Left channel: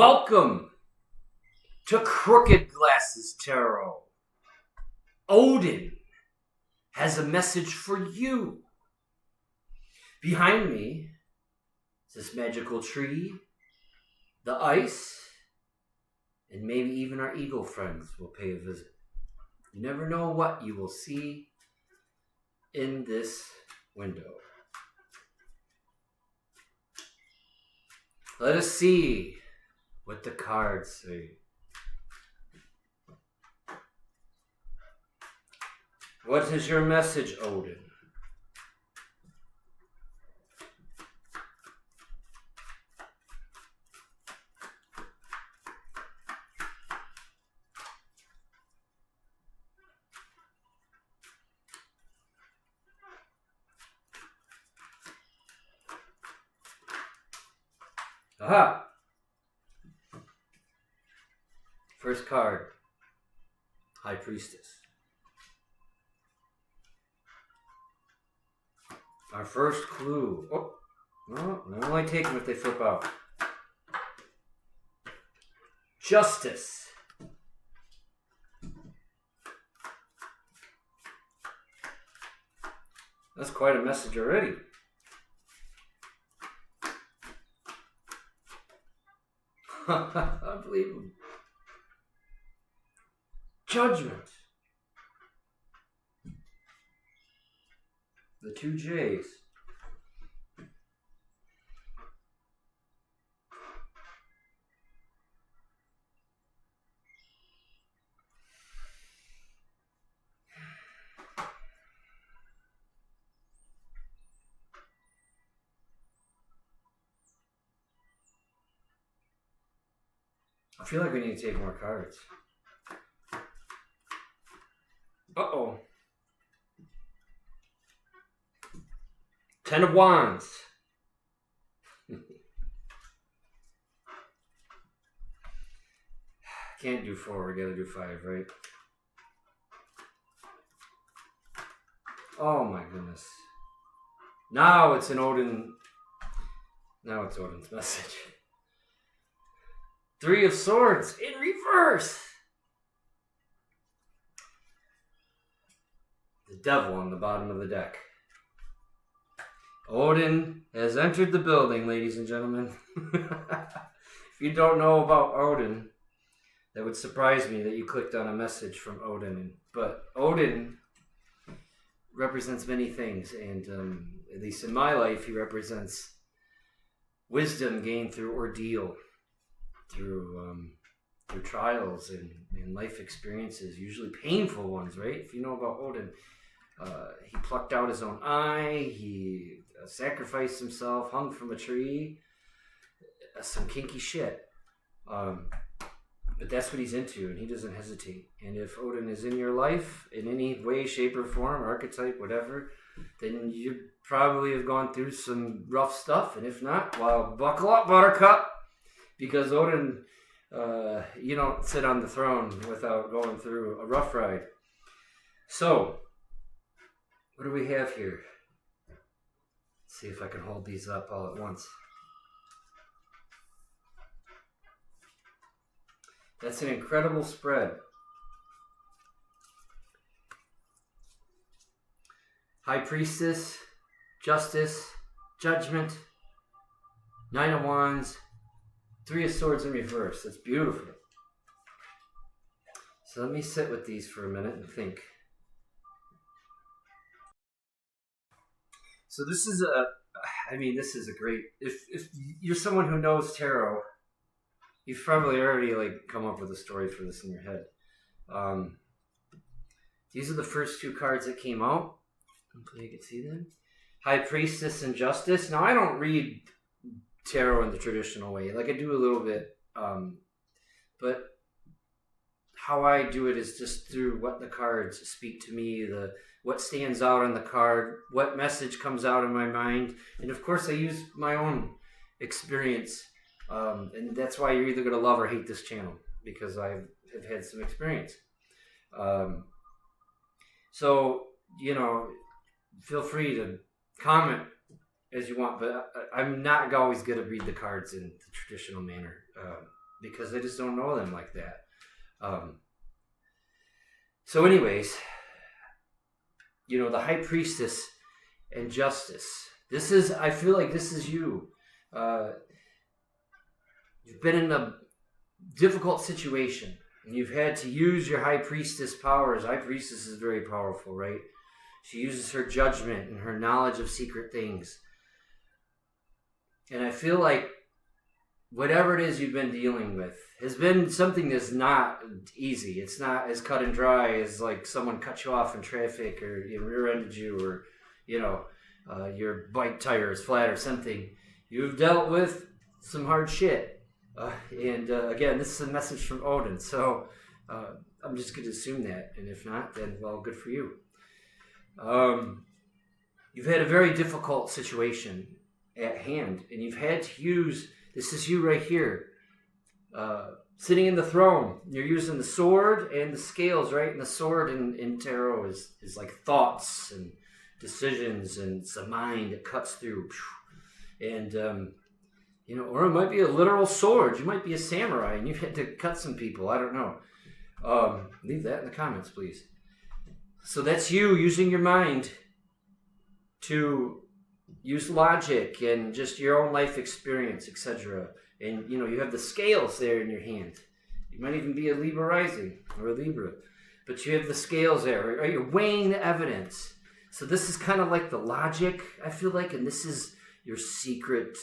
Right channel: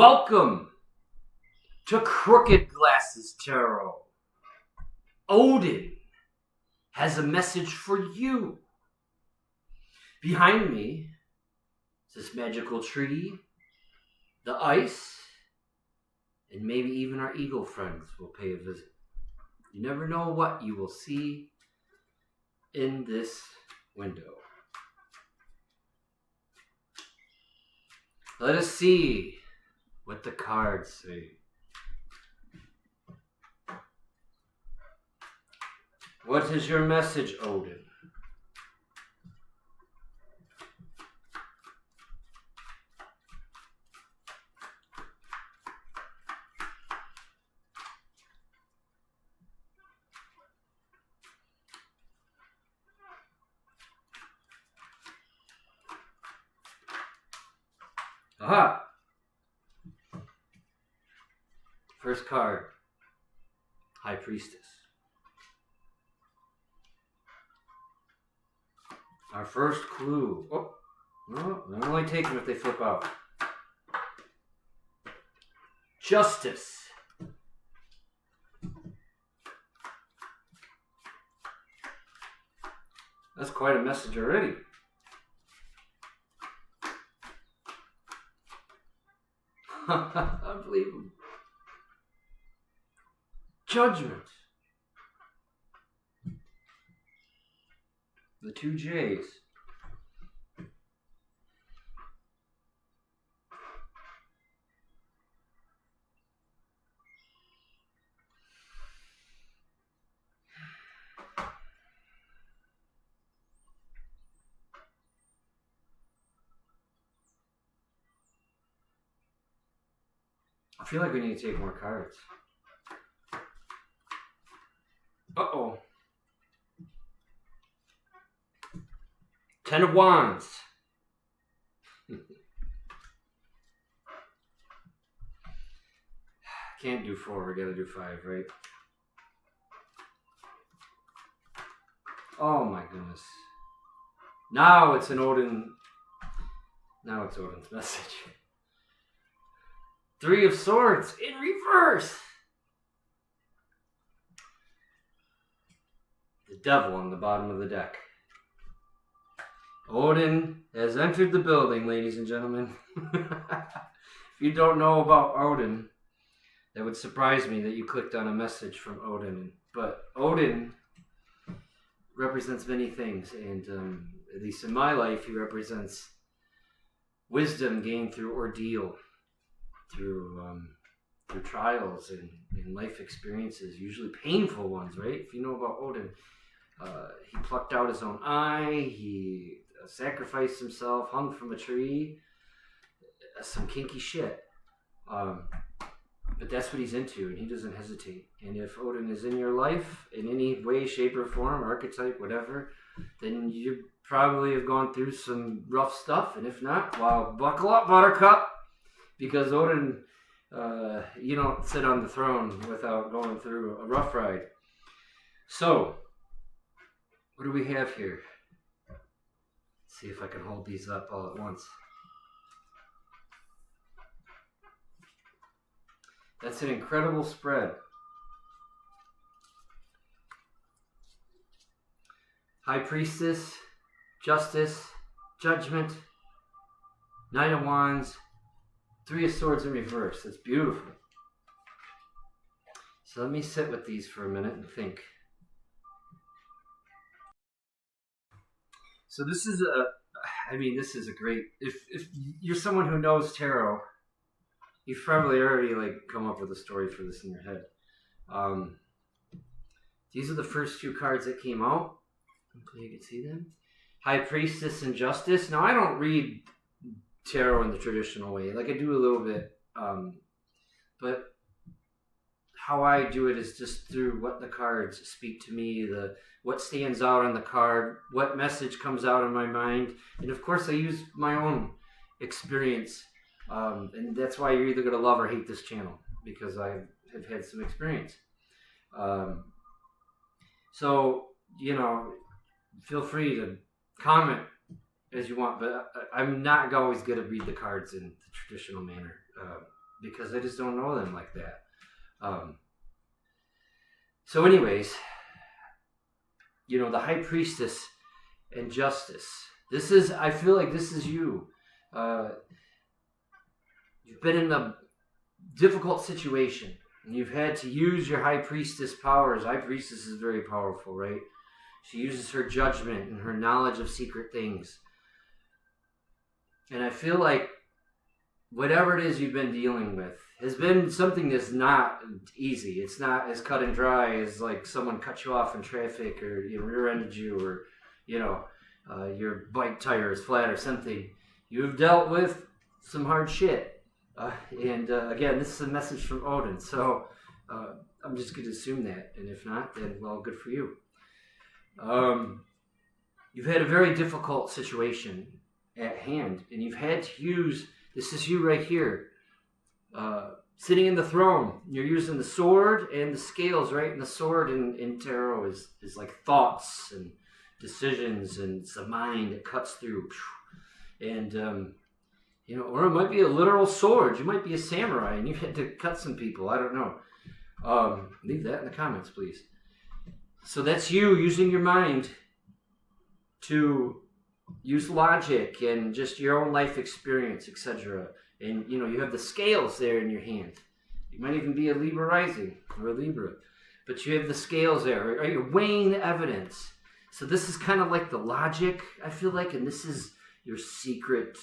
Welcome to Crooked Glasses Tarot. Odin has a message for you. Behind me is this magical tree, the ice, and maybe even our eagle friends will pay a visit. You never know what you will see in this window. Let us see what the cards say. What is your message, Odin? Aha! First card, High Priestess. Our first clue. Oh, no, I only take them if they flip out. Justice. That's quite a message already. Unbelievable. Judgment. The two J's. I feel like we need to take more cards. Uh-oh. 10 of Wands. Can't do 4, we gotta do 5, right? Oh my goodness. Now it's an Odin. Now it's Odin's message. 3 of Swords in reverse. The devil on the bottom of the deck. Odin has entered the building, ladies and gentlemen. If you don't know about Odin, that would surprise me that you clicked on a message from Odin. But Odin represents many things, and at least in my life, he represents wisdom gained through ordeal, through trials and life experiences, usually painful ones, right? If you know about Odin, he plucked out his own eye, he sacrificed himself, hung from a tree, some kinky shit. But that's what he's into, and he doesn't hesitate. And if Odin is in your life in any way, shape, or form, archetype, whatever, then you probably have gone through some rough stuff. And if not, well, buckle up, Buttercup, because Odin, you don't sit on the throne without going through a rough ride. So, what do we have here? Let's see if I can hold these up all at once. That's an incredible spread. High Priestess, Justice, Judgment, 9 of Wands, 3 of Swords in reverse. That's beautiful. So let me sit with these for a minute and think. So this is this is a great, if you're someone who knows tarot, you've probably already come up with a story for this in your head. These are the first 2 cards that came out. Hopefully you can see them. High Priestess and Justice. Now I don't read tarot in the traditional way. I do a little bit. But how I do it is just through what the cards speak to me, what stands out on the card, what message comes out of my mind. And of course I use my own experience. And that's why you're either going to love or hate this channel, because I have had some experience. So, feel free to comment as you want, but I'm not always going to read the cards in the traditional manner. because I just don't know them like that. So anyways, the high priestess and justice. I feel like this is you. You've been in a difficult situation, and you've had to use your high priestess powers. High priestess is very powerful, right? She uses her judgment and her knowledge of secret things. And I feel like whatever it is you've been dealing with has been something that's not easy. It's not as cut and dry as like someone cut you off in traffic, or rear-ended you, or your bike tire is flat or something. You've dealt with some hard shit. And again, this is a message from Odin, so I'm just going to assume that. And if not, then, well, good for you. You've had a very difficult situation at hand, and you've had to use, this is you right here, sitting in the throne. You're using the sword and the scales, right? And the sword in tarot is like thoughts and decisions, and it's a mind that cuts through. And or it might be a literal sword. You might be a samurai and you've had to cut some people. I don't know. Leave that in the comments, please. So that's you using your mind to use logic and just your own life experience, etc. And, you have the scales there in your hand. You might even be a Libra rising or a Libra. But you have the scales there, right? You're weighing the evidence. So this is kind of like the logic, I feel like. And this is your secret...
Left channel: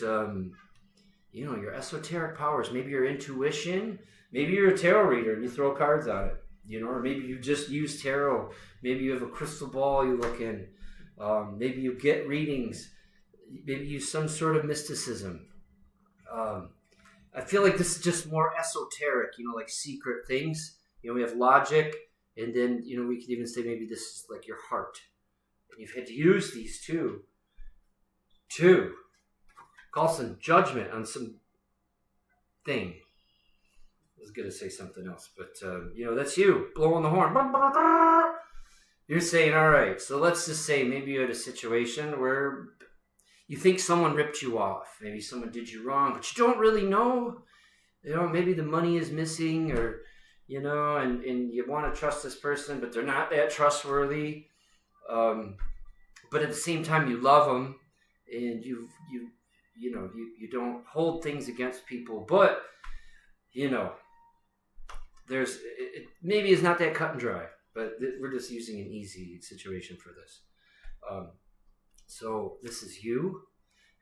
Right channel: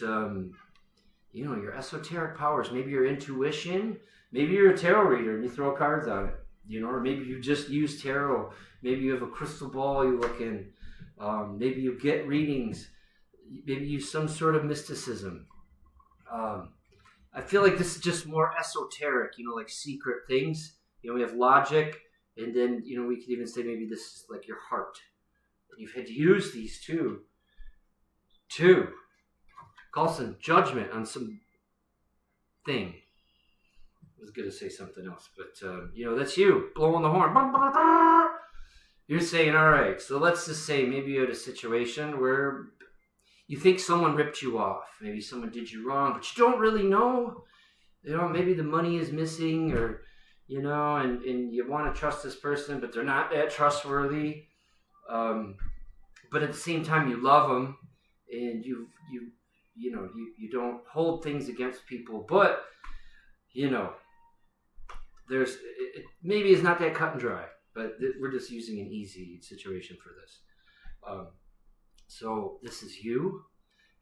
your esoteric powers, maybe your intuition, maybe you're a tarot reader and you throw cards on it, or maybe you just use tarot, maybe you have a crystal ball you look in, maybe you get readings, maybe you use some sort of mysticism. I feel like this is just more esoteric, like secret things. We have logic, and then, we could even say maybe this is like your heart. And you've had to use these two call some judgment on some thing. I was going to say something else, but, that's you blowing the horn. You're saying, all right, so let's just say maybe you had a situation where you think someone ripped you off. Maybe someone did you wrong, but you don't really know. Maybe the money is missing, or, and you want to trust this person, but they're not that trustworthy. But at the same time, you love them, and you don't hold things against people, but maybe it's not that cut and dry, but we're just using an easy situation for this. So this is you,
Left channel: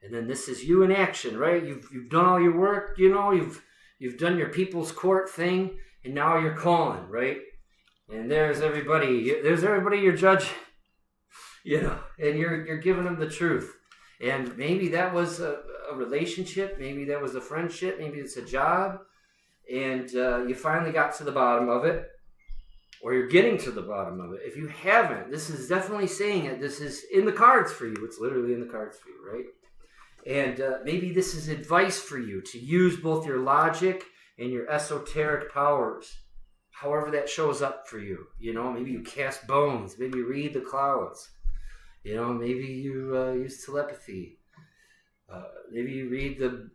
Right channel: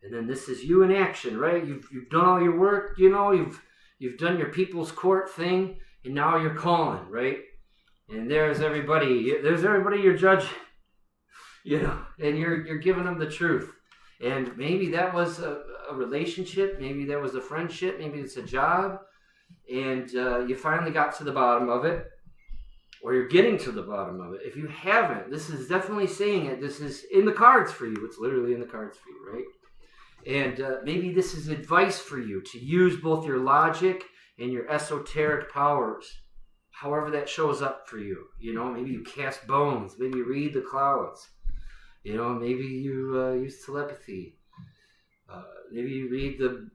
and then this is you in action, right? You've done all your work, you've done your people's court thing, and now you're calling, right? And there's everybody you're judging, and you're giving them the truth. And maybe that was a relationship, maybe that was a friendship, maybe it's a job, and you finally got to the bottom of it, or you're getting to the bottom of it. If you haven't, this is definitely saying it. This is in the cards for you. It's literally in the cards for you, right? And maybe this is advice for you to use both your logic and your esoteric powers, however that shows up for you. Maybe you cast bones, maybe you read the clouds. Maybe you use telepathy. Maybe you read the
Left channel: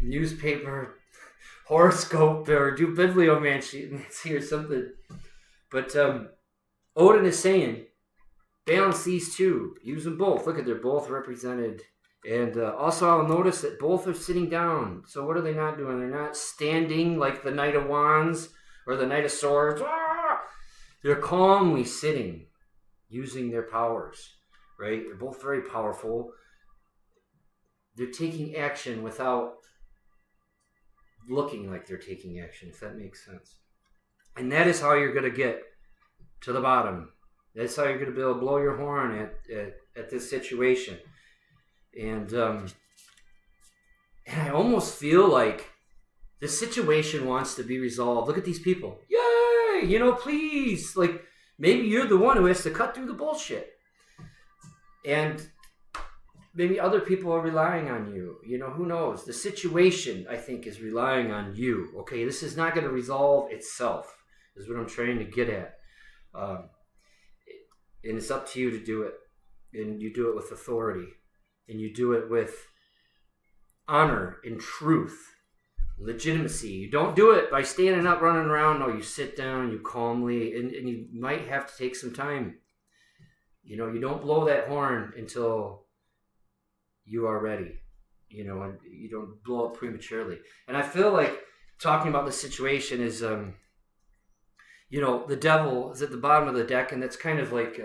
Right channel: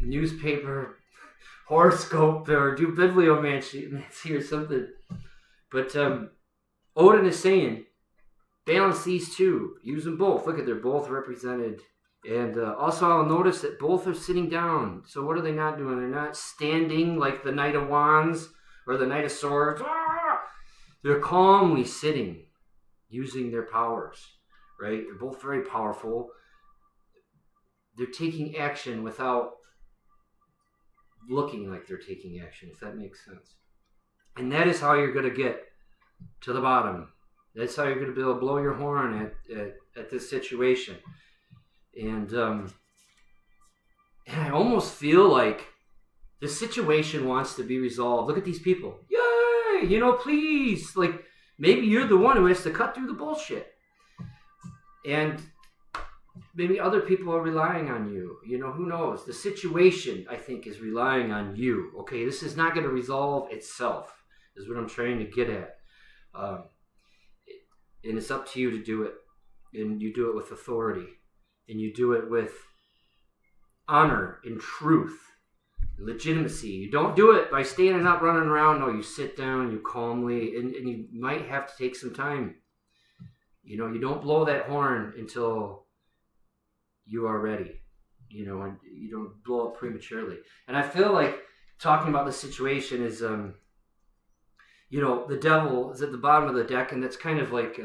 newspaper horoscope or do bibliomancy or something. But Odin is saying, balance these two. Use them both. Look at, they're both represented. And also I'll notice that both are sitting down. So what are they not doing? They're not standing like the Knight of Wands or the Knight of Swords. They're calmly sitting, using their powers. Right? They're both very powerful. They're taking action without looking like they're taking action, if that makes sense. And that is how you're going to get to the bottom. That's how you're going to be able to blow your horn at this situation. And I almost feel like this situation wants to be resolved. Look at these people. Yay! Please. Like, maybe you're the one who has to cut through the bullshit. And maybe other people are relying on you. Who knows? The situation, I think, is relying on you. Okay, this is not going to resolve itself, is what I'm trying to get at. And it's up to you to do it. And you do it with authority. And you do it with honor and truth. legitimacy. You don't do it by standing up, running around. No, you sit down, you calmly, and you might have to take some time. You don't blow that horn until you are ready, and you don't blow up prematurely. And I feel like talking about this situation is, the devil is at the bottom of the deck, and that's kind of like,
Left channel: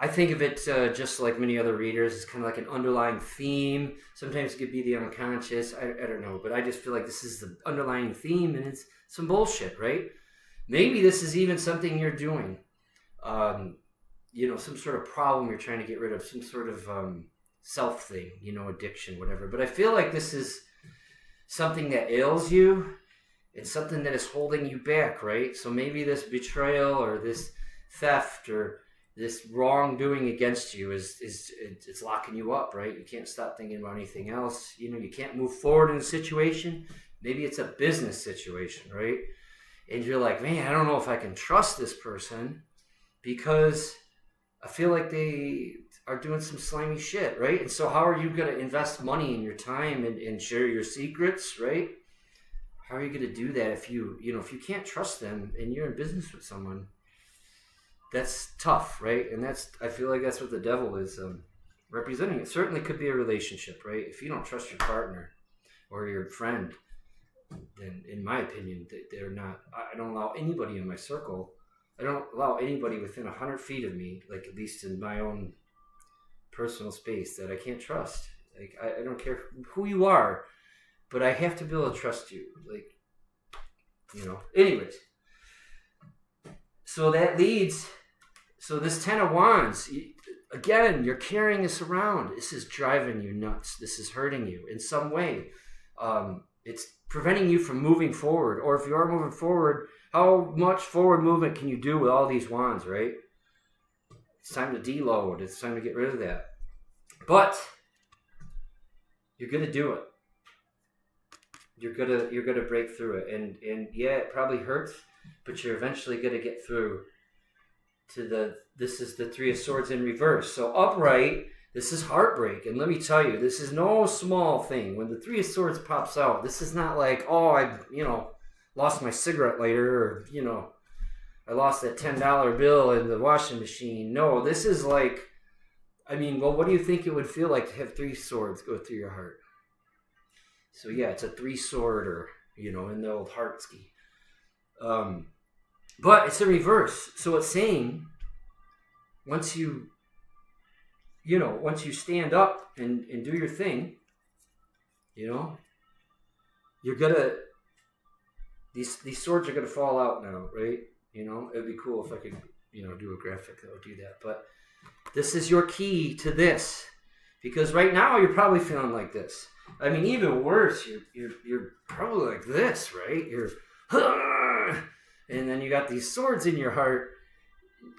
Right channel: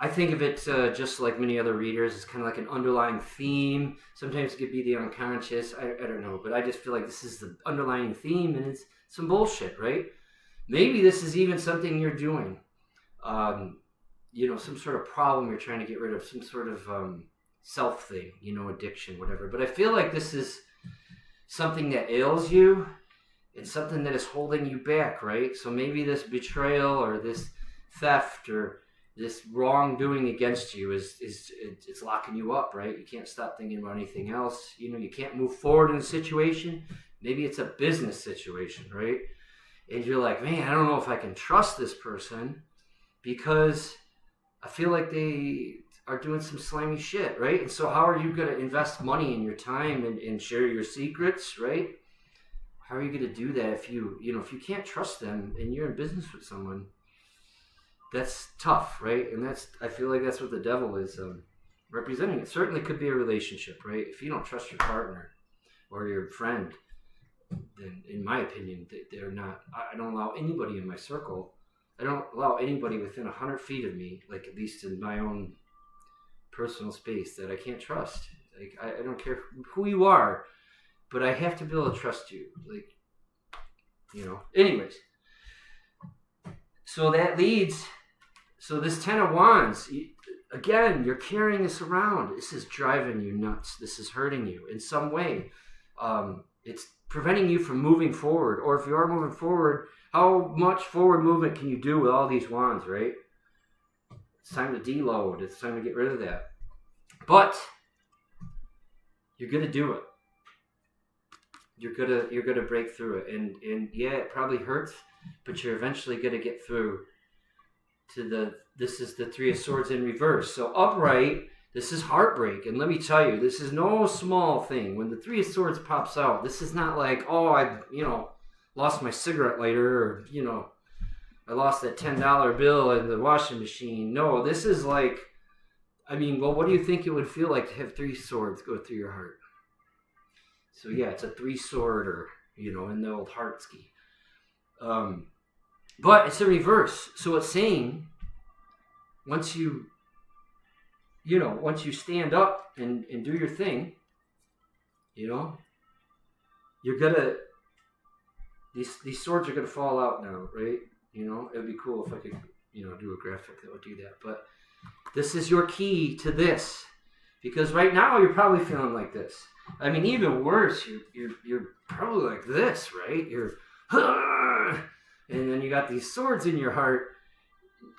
I think of it just like many other readers. It's kind of like an underlying theme. Sometimes it could be the unconscious. I don't know, but I just feel like this is the underlying theme, and it's some bullshit, right? Maybe this is even something you're doing. Some sort of problem you're trying to get rid of, some sort of self thing, addiction, whatever. But I feel like this is something that ails you and something that is holding you back, right? So maybe this betrayal or this theft or this wrongdoing against you it's locking you up, right? You can't stop thinking about anything else. You can't move forward in a situation. Maybe it's a business situation, right? And you're like, man, I don't know if I can trust this person because I feel like they are doing some slimy shit, right? And so how are you going to invest money and your time and share your secrets, right? How are you going to do that if you can't trust them and you're in business with someone? That's tough, right? And I feel like that's what the devil is representing. It certainly could be a relationship, right? If you don't trust your partner or your friend, then in my opinion, they're not, I don't allow anybody in my circle. I don't allow anybody within 100 feet of me, like at least in my own personal space, that I can't trust. Like, I don't care who you are, but I have to be able to trust you. Like, anyways. So that leads, this 10 of Wands, again, you're carrying this around. This is driving you nuts. This is hurting you in some way. It's preventing you from moving forward. Or if you are moving forward, how much forward movement can you do with all these wands, right? It's time to deload. It's time to get rid of that. But you're going to do it. You're gonna break through it. And yeah, it probably hurts, but you're eventually going to get through to this is the Three of Swords in reverse. So upright, this is heartbreak. And let me tell you, this is no small thing. When the Three of Swords pops out, this is not like, oh, I lost my cigarette lighter, or, I lost that $10 bill in the washing machine. No, this is like, what do you think it would feel like to have three swords go through your heart? So yeah, it's a three-sworder, in the old heart ski. But it's a reverse. So it's saying once you stand up and do your thing, you're gonna, these swords are gonna fall out now, right? It'd be cool if I could, do a graphic that would do that. But this is your key to this, because right now you're probably feeling like this. Even worse, you're probably like this, right? You're, and then you got these swords in your heart,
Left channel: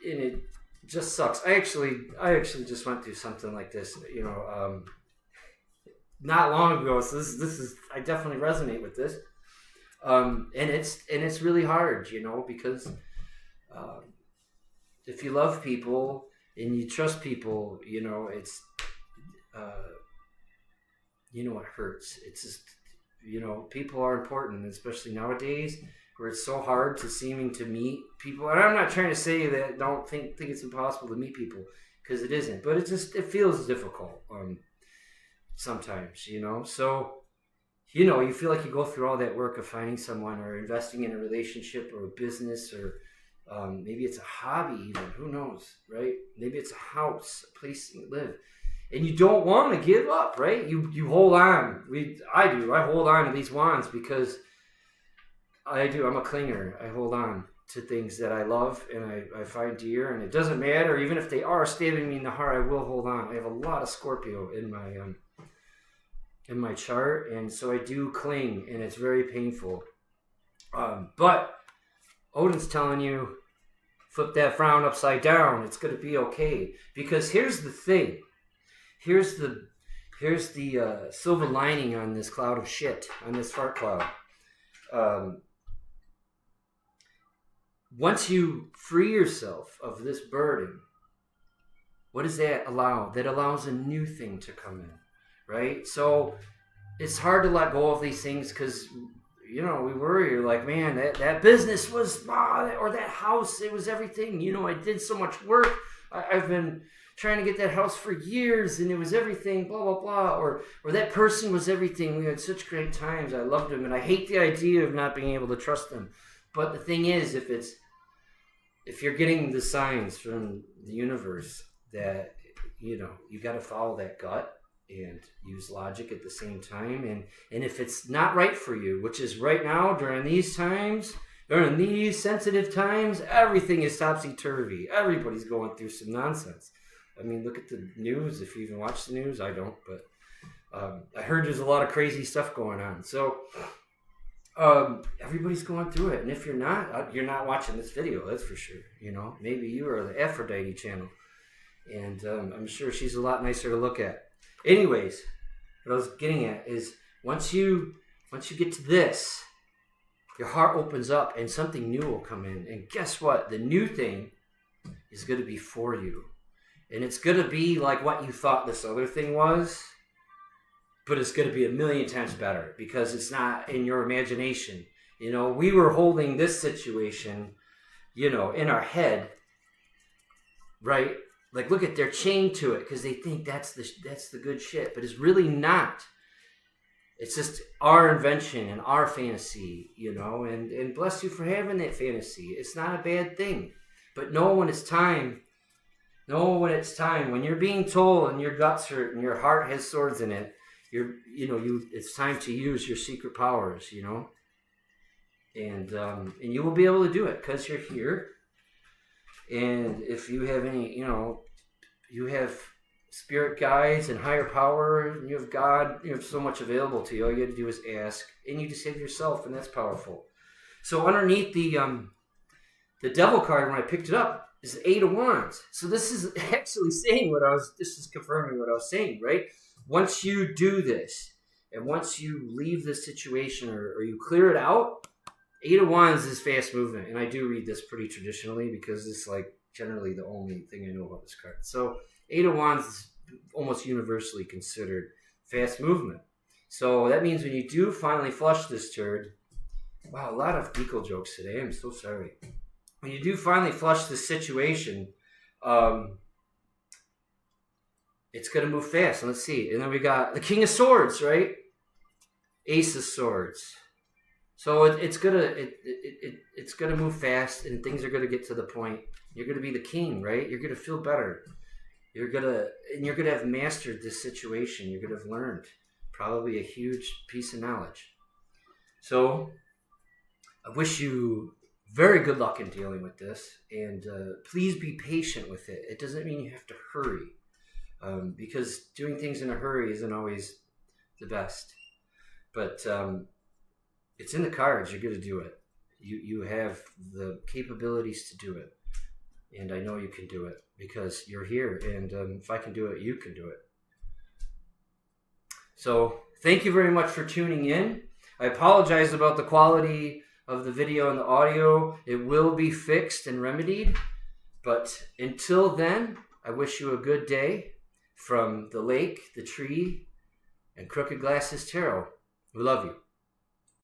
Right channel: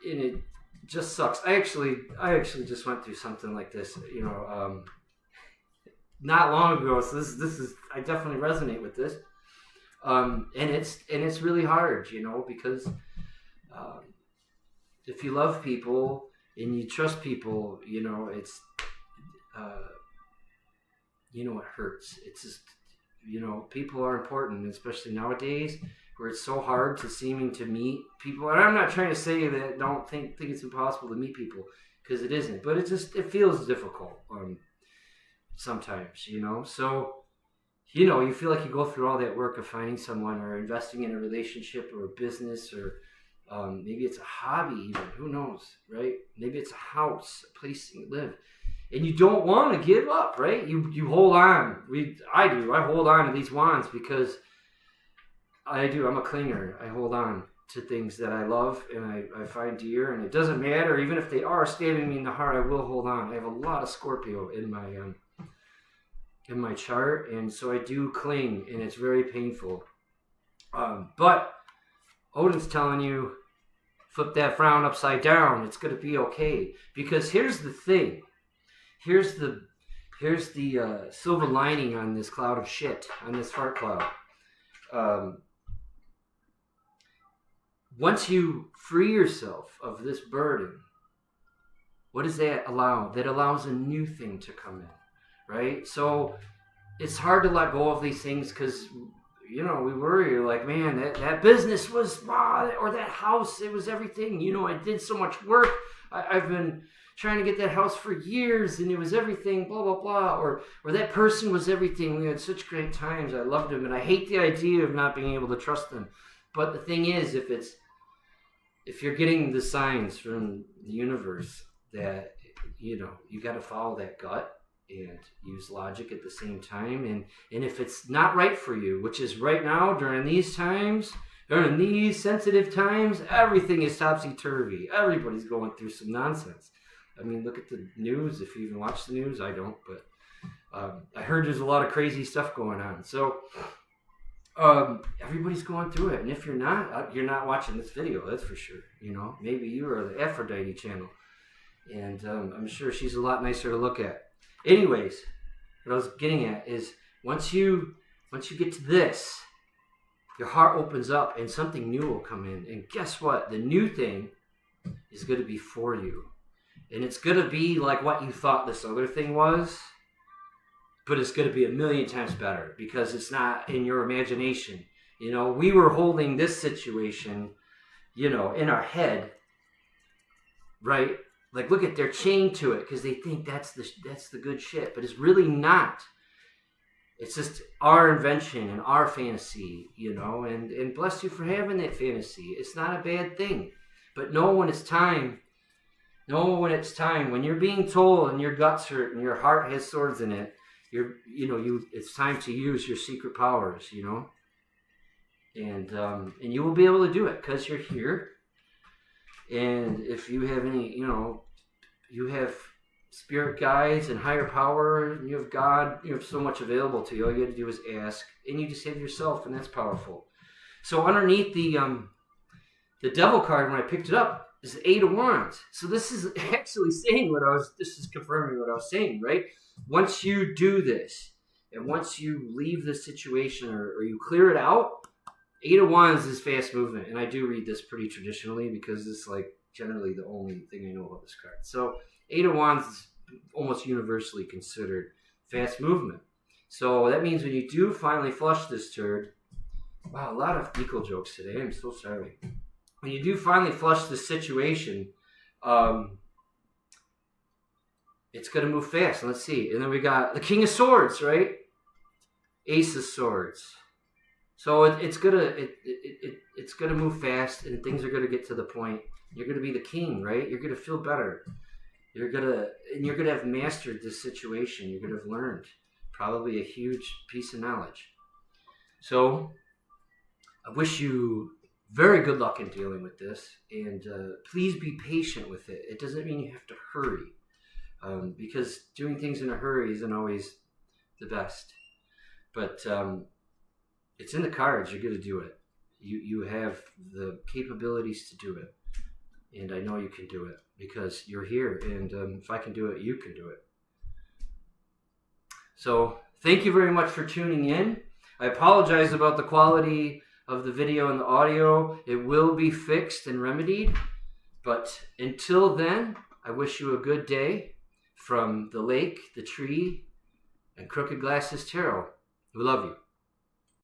and it just sucks. I actually just went through something like this, not long ago. So this is, I definitely resonate with this. And it's really hard, because if you love people and you trust people, it's it hurts. It's just, people are important, especially nowadays where it's so hard to meet people. And I'm not trying to say that don't think it's impossible to meet people, because it isn't, but it feels difficult sometimes, so you feel like you go through all that work of finding someone or investing in a relationship or a business, or maybe it's a hobby even, who knows, right? Maybe it's a house, a place you live, and you don't want to give up, right? You hold on. I hold on to these wands because I'm a clinger. I hold on to things that I love and I find dear, and it doesn't matter, even if they are stabbing me in the heart, I will hold on. I have a lot of Scorpio in my chart, and so I do cling, and it's very painful. But Odin's telling you, flip that frown upside down. It's going to be okay, because here's the thing. Here's the silver lining on this cloud of shit, on this fart cloud. Once you free yourself of this burden, what does that allow? That allows a new thing to come in, right? So it's hard to let go of these things because, you know, we worry. You're like, man, that business was, or that house, it was everything. You know, I did so much work. I've been trying to get that house for years, and it was everything, blah, blah, blah. Or that person was everything. We had such great times. I loved him, and I hate the idea of not being able to trust them. But the thing is, if you're getting the signs from the universe that, you know, you got to follow that gut and use logic at the same time. And if it's not right for you, which is right now during these times, during these sensitive times, everything is topsy-turvy. Everybody's going through some nonsense. I mean, look at the news. If you even watch the news, I don't, but I heard there's a lot of crazy stuff going on. So everybody's going through it. And if you're not watching this video, that's for sure. You know, maybe you are the Aphrodite channel. And I'm sure she's a lot nicer to look at. Anyways, what I was getting at is once you get to this, your heart opens up and something new will come in. And guess what? The new thing is going to be for you. And it's going to be like what you thought this other thing was, but it's going to be a million times better because it's not in your imagination. You know, we were holding this situation, you know, in our head, right? Like, look at, they're chained to it because they think that's the good shit, but it's really not. It's just our invention and our fantasy, you know, and bless you for having that fantasy. It's not a bad thing, but know when it's time. Know when it's time. When you're being told and your guts hurt and your heart has swords in it, it's time to use your secret powers, you know, and you will be able to do it because you're here. And if you have any, you know, you have spirit guides and higher power, and you have God, you have so much available to you. All you have to do is ask, and you just save yourself, and that's powerful. So underneath the devil card, when I picked it up, is the 8 of Wands. So this is actually saying this is confirming what I was saying, right? Once you do this, and once you leave this situation or you clear it out, 8 of Wands is fast movement. And I do read this pretty traditionally because it's like generally the only thing I know about this card. So 8 of Wands is almost universally considered fast movement. So that means when you do finally flush this turd, wow, a lot of equal jokes today. I'm so sorry. When you do finally flush this situation, it's going to move fast. And let's see. And then we got the King of Swords, right? Ace of Swords. So it's gonna move fast, and things are gonna get to the point. You're gonna be the king, right? You're gonna feel better. You're gonna have mastered this situation. You're gonna have learned probably a huge piece of knowledge. So I wish you very good luck in dealing with this, and please be patient with it. It doesn't mean you have to hurry, because doing things in a hurry isn't always the best. But it's in the cards. You're going to do it. You have the capabilities to do it. And I know you can do it because you're here. And if I can do it, you can do it. So thank you very much for tuning in. I apologize about the quality of the video and the audio. It will be fixed and remedied. But until then, I wish you a good day from the lake, the tree, and Crooked Glasses Tarot. We love you.